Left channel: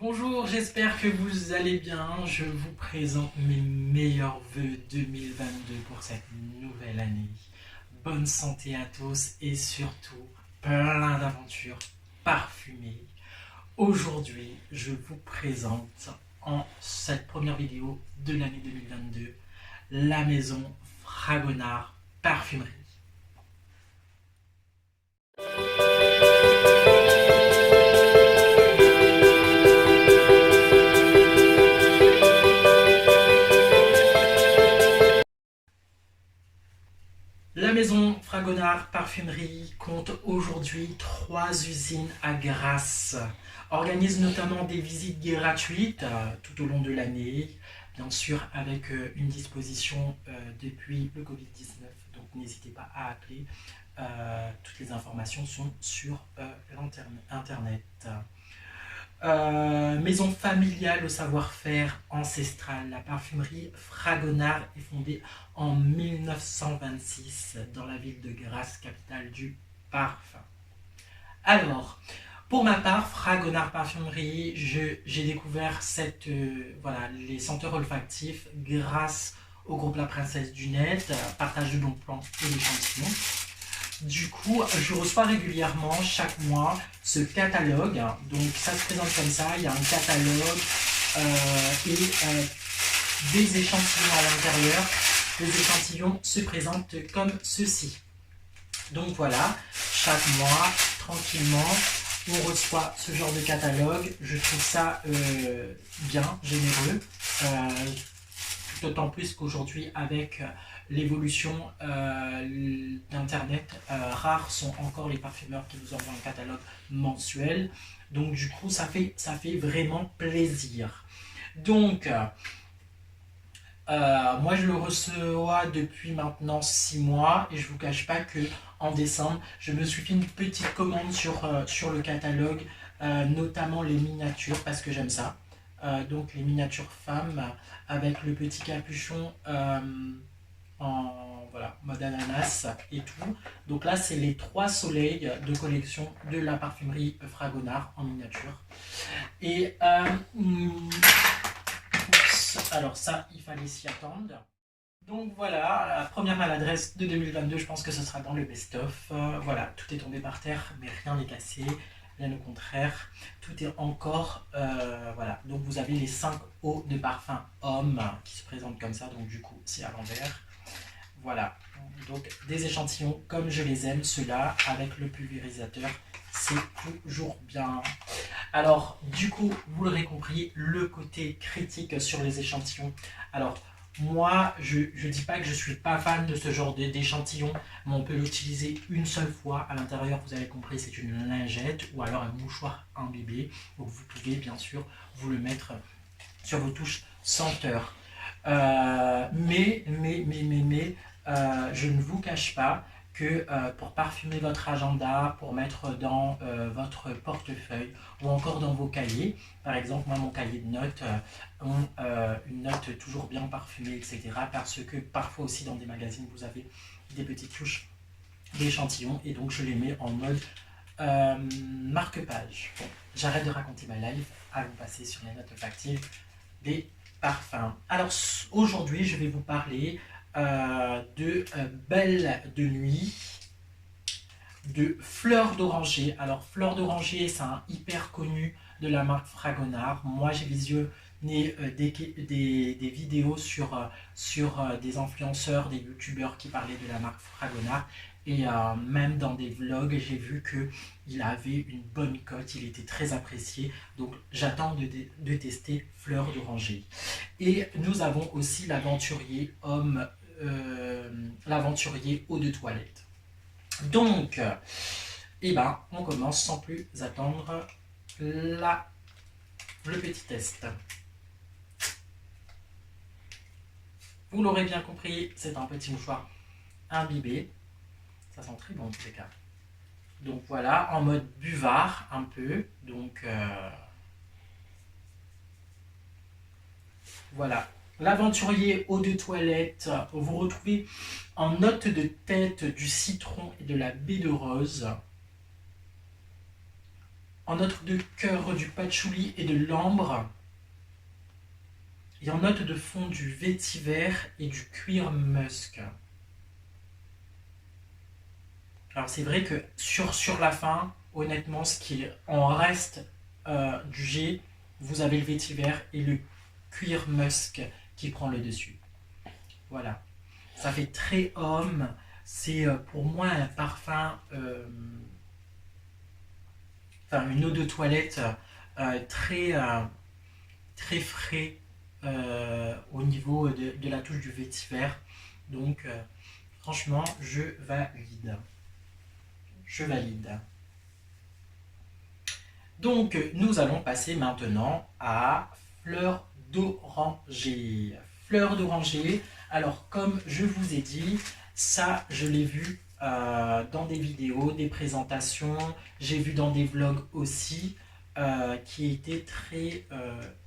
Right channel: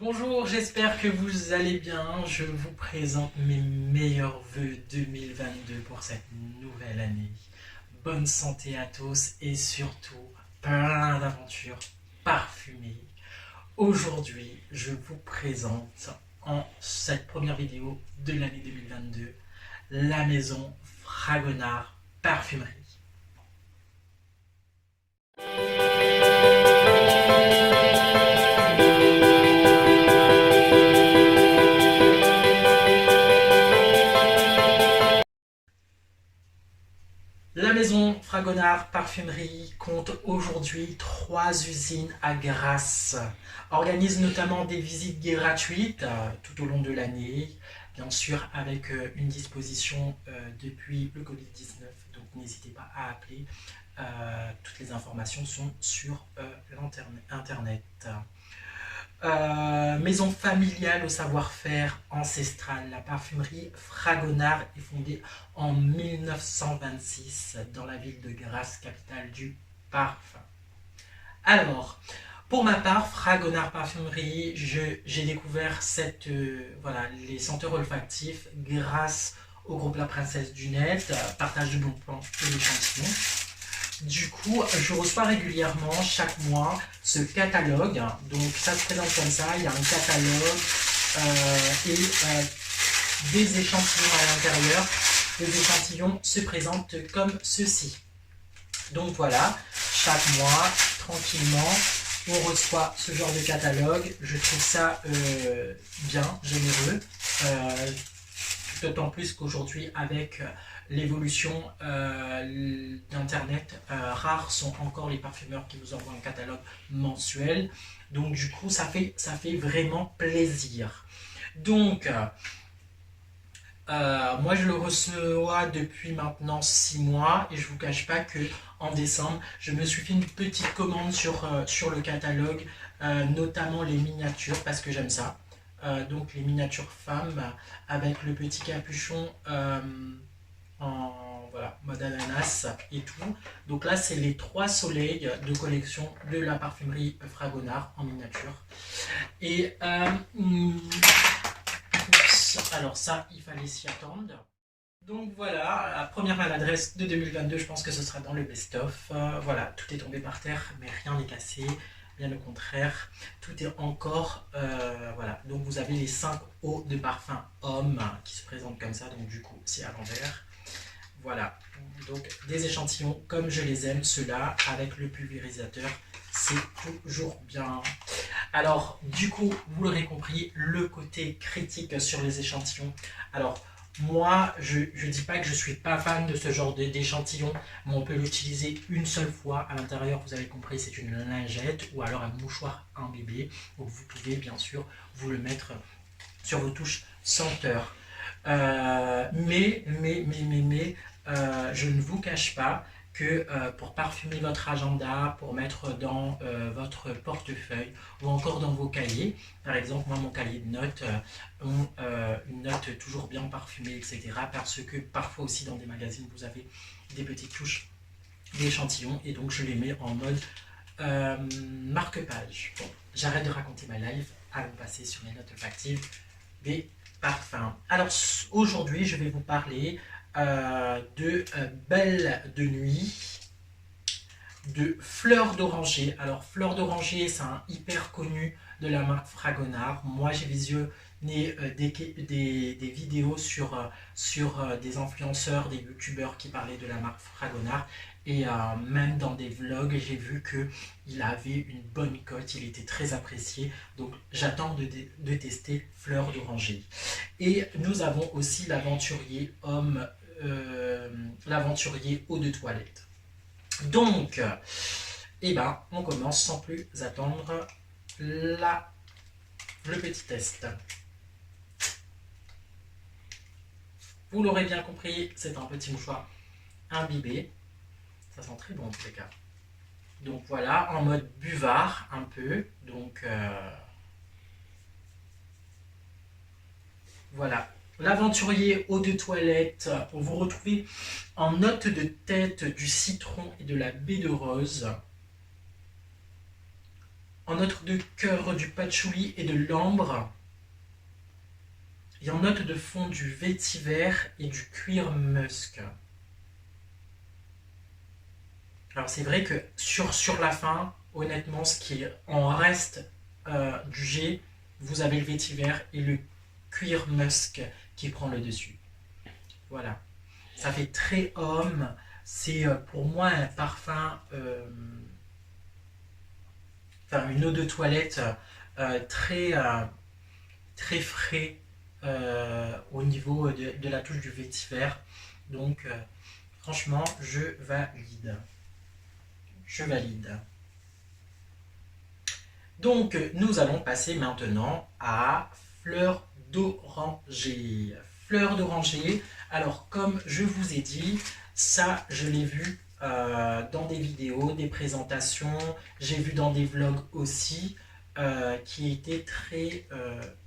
Bonjour, j'espère que vous allez bien. Je vous présente mes meilleurs vœux 2022 pour cette nouvelle année. Bonne santé à tous et surtout plein d'aventures parfumées. Aujourd'hui, je vous présente en cette première vidéo de l'année 2022 la maison Fragonard Parfumerie. La maison Fragonard Parfumerie compte aujourd'hui 3 usines à Grasse. Organise notamment des visites gratuites tout au long de l'année, bien sûr avec une disposition depuis le Covid-19, donc n'hésitez pas à appeler. Toutes les informations sont sur l'internet. Maison familiale au savoir-faire ancestral. La parfumerie Fragonard est fondée en 1926 dans la ville de Grasse, capitale du parfum. Alors, pour ma part, Fragonard Parfumerie, j'ai découvert les senteurs olfactifs grâce au groupe La Princesse du Net, partage de bons plans et d'échantillons. Du coup, je reçois régulièrement, chaque mois, ce catalogue. Donc, ça se présente comme ça. Il y a un catalogue et des échantillons à l'intérieur. Les échantillons se présentent comme ceci. Donc, voilà, chaque mois, tranquillement, on reçoit ce genre de catalogue. Je trouve ça bien, généreux. D'autant plus qu'aujourd'hui, avec l'évolution d'Internet, rares sont encore les parfumeurs qui vous envoient un catalogue mensuel. Donc du coup, ça fait vraiment plaisir. Donc, moi je le reçois depuis maintenant 6 mois et je ne vous cache pas que en décembre, je me suis fait une petite commande sur le catalogue, notamment les miniatures parce que j'aime ça. Donc les miniatures femmes avec le petit capuchon en mode ananas et tout. Donc là, c'est les 3 soleils de collection de la parfumerie Fragonard en miniature. Et alors ça, il fallait s'y attendre. Donc voilà, la première maladresse de 2022, je pense que ce sera dans le best-of. Voilà, tout est tombé par terre, mais rien n'est cassé. Bien au contraire, tout est encore... voilà, donc vous avez les 5 eaux de parfum homme qui se présentent comme ça, donc du coup, c'est à l'envers. Voilà, donc des échantillons comme je les aime, ceux-là, avec le pulvérisateur, c'est toujours bien. Alors, du coup, vous l'aurez compris, le côté critique sur les échantillons. Alors, moi, je ne dis pas que je ne suis pas fan de ce genre d'échantillon, mais on peut l'utiliser une seule fois. À l'intérieur, vous avez compris, c'est une lingette ou alors un mouchoir imbibé. Donc, vous pouvez bien sûr vous le mettre sur vos touches senteur. Mais je ne vous cache pas que pour parfumer votre agenda, pour mettre dans votre portefeuille ou encore dans vos cahiers, par exemple, moi, mon cahier de notes ont une note toujours bien parfumée, etc. Parce que parfois aussi dans des magazines, vous avez des petites touches d'échantillons et donc je les mets en mode marque-page. Bon, j'arrête de raconter ma life, allons passer sur les notes olfactives des parfums. Alors aujourd'hui, je vais vous parler de Belle de Nuit, de Fleur d'Oranger. Alors Fleur d'Oranger, c'est un hyper connu de la marque Fragonard. Moi, j'ai visionné des vidéos sur des influenceurs, des youtubeurs qui parlaient de la marque Fragonard. Et même dans des vlogs, j'ai vu qu'il avait une bonne cote, il était très apprécié. Donc j'attends de tester Fleur d'Oranger. Et nous avons aussi l'aventurier homme, l'aventurier eau de toilette. Donc, on commence sans plus attendre le petit test. Vous l'aurez bien compris, c'est un petit mouchoir imbibé. Ça sent très bon en tous les cas. Donc voilà, en mode buvard un peu. Donc voilà. L'aventurier eau de toilette, vous retrouvez en note de tête du citron et de la baie de rose. En note de cœur, du patchouli et de l'ambre. Et en note de fond, du vétiver et du cuir musk. Alors c'est vrai que sur la fin, honnêtement, ce qui en reste du jet, vous avez le vétiver et le cuir musk qui prend le dessus. Voilà. Ça fait très homme. C'est pour moi un parfum, enfin une eau de toilette très, très frais au niveau de la touche du vétiver. Donc franchement, je valide. Je valide. Donc, nous allons passer maintenant à fleur d'oranger. Fleur d'oranger, alors comme je vous ai dit, ça je l'ai vu dans des vidéos, des présentations, j'ai vu dans des vlogs aussi, qui étaient très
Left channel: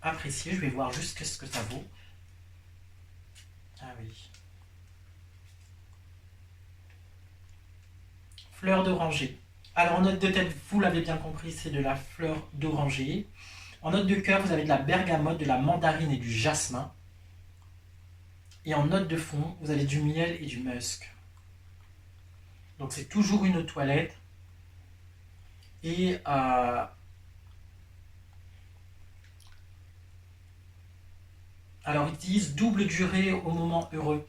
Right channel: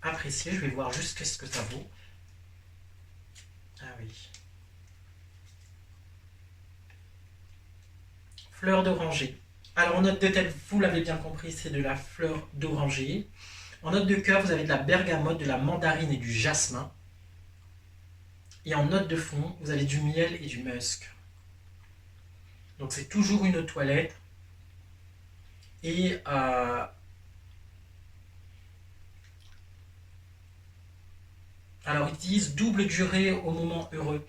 appréciés. Je vais voir juste ce que ça vaut. Ah oui. Fleur d'oranger. Alors en note de tête, vous l'avez bien compris, c'est de la fleur d'oranger. En note de cœur, vous avez de la bergamote, de la mandarine et du jasmin. Et en note de fond, vous avez du miel et du musc. Donc c'est toujours une eau de toilette. Et alors ils disent double durée au moment heureux.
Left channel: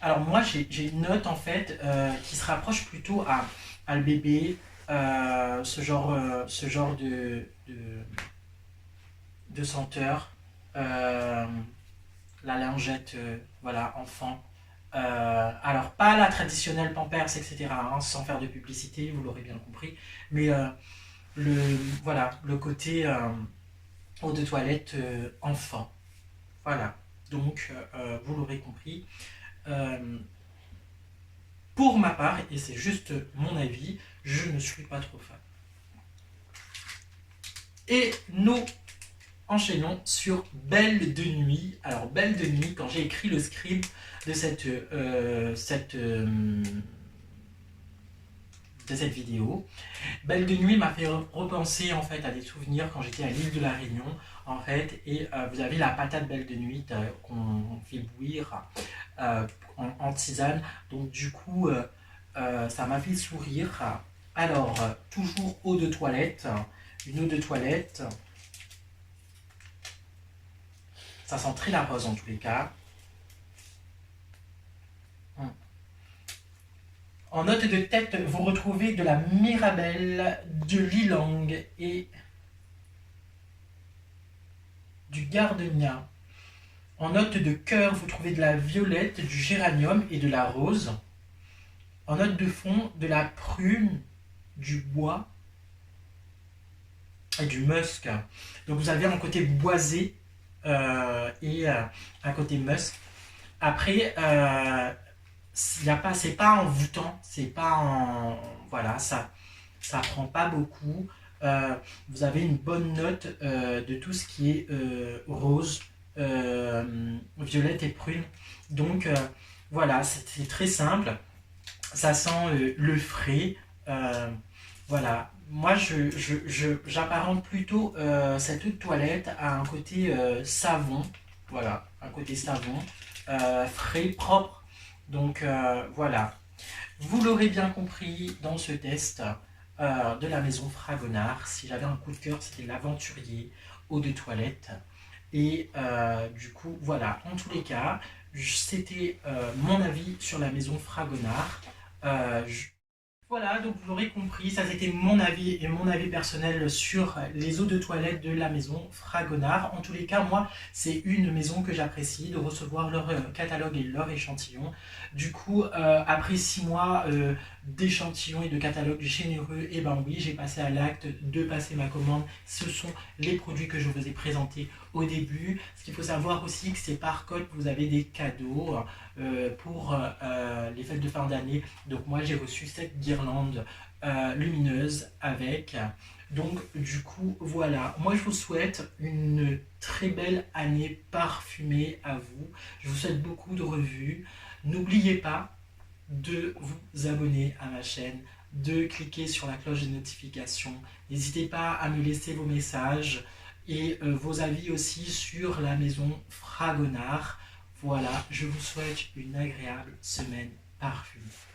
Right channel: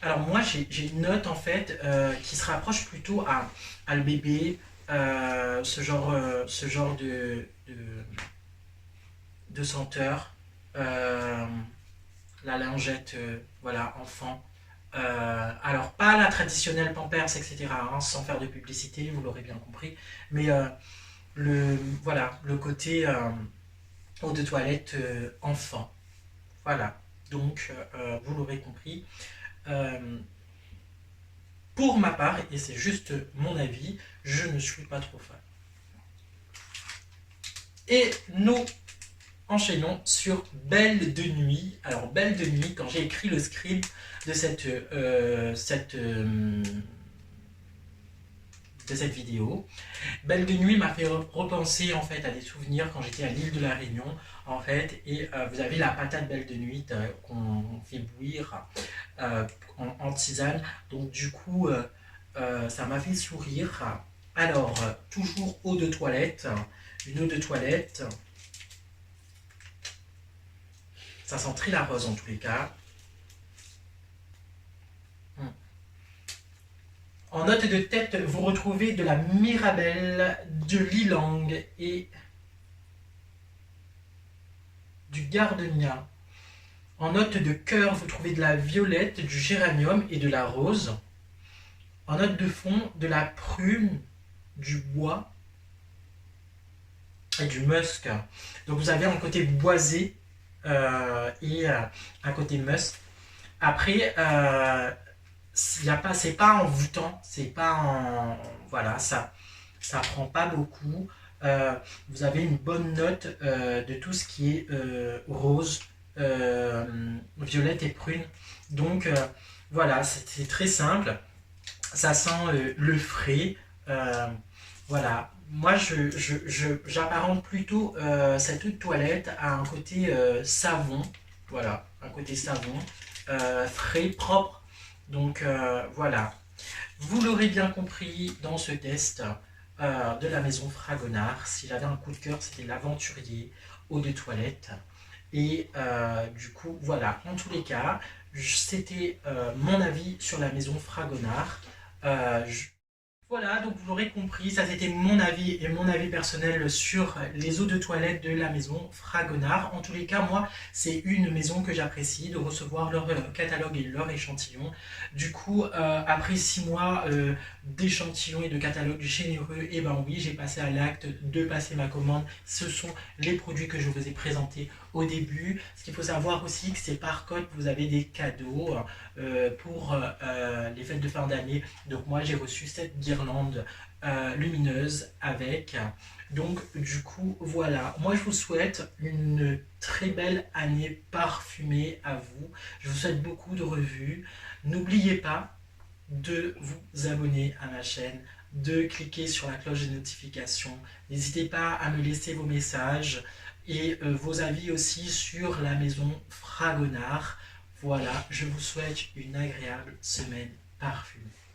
Alors moi j'ai une note en fait qui se rapproche plutôt à le bébé, ce genre de senteur. La lingette, voilà, enfant. Alors, pas la traditionnelle Pampers, etc., hein, sans faire de publicité, vous l'aurez bien compris, mais le, voilà, le côté eau de toilette enfant. Voilà, donc vous l'aurez compris. Pour ma part, et c'est juste mon avis, je ne suis pas trop fan. Et nous enchaînons sur Belle de nuit. Alors Belle de nuit, quand j'ai écrit le script de cette vidéo, Belle de nuit m'a fait repenser en fait à des souvenirs quand j'étais à l'île de la Réunion en fait, et vous avez la patate Belle de nuit qu'on fait bouillir en tisane, donc du coup ça m'a fait sourire. Alors toujours eau de toilette, une eau de toilette. Ça sent très la rose en tous les cas. En note de tête, vous retrouvez de la mirabelle, de l'ilang et du gardenia. En note de cœur, vous trouvez de la violette, du géranium et de la rose. En note de fond, de la prune, du bois et du musc. Donc vous avez un côté boisé et un côté musc. Après, c'est pas envoûtant, c'est pas en, voilà, ça prend pas beaucoup. Vous avez une bonne note de tout ce qui est rose, violette et prune. Donc voilà, c'est très simple. Ça sent le frais. Voilà. Moi, j'apparente plutôt cette eau de toilette à un côté savon. Voilà, un côté savon, frais, propre. Donc voilà. Vous l'aurez bien compris dans ce test de la maison Fragonard. Si j'avais un coup de cœur, c'était l'aventurier eau de toilette. Et du coup, voilà. En tous les cas, c'était mon avis sur la maison Fragonard. Voilà, donc vous l'aurez compris, ça c'était mon avis et mon avis personnel sur les eaux de toilette de la maison Fragonard. En tous les cas, moi, c'est une maison que j'apprécie de recevoir leur catalogue et leur échantillon. Du coup, après 6 mois d'échantillon et de catalogue généreux, et ben oui, j'ai passé à l'acte de passer ma commande. Ce sont les produits que je vous ai présentés au début. Ce qu'il faut savoir aussi, que c'est par code, vous avez des cadeaux pour les fêtes de fin d'année. Donc moi, j'ai reçu cette guirlande lumineuse avec. Donc du coup, voilà. Moi, je vous souhaite une très belle année parfumée à vous. Je vous souhaite beaucoup de revues. N'oubliez pas de vous abonner à ma chaîne, de cliquer sur la cloche des notifications. N'hésitez pas à me laisser vos messages et vos avis aussi sur la maison Fragonard. Voilà, je vous souhaite une agréable semaine parfumée.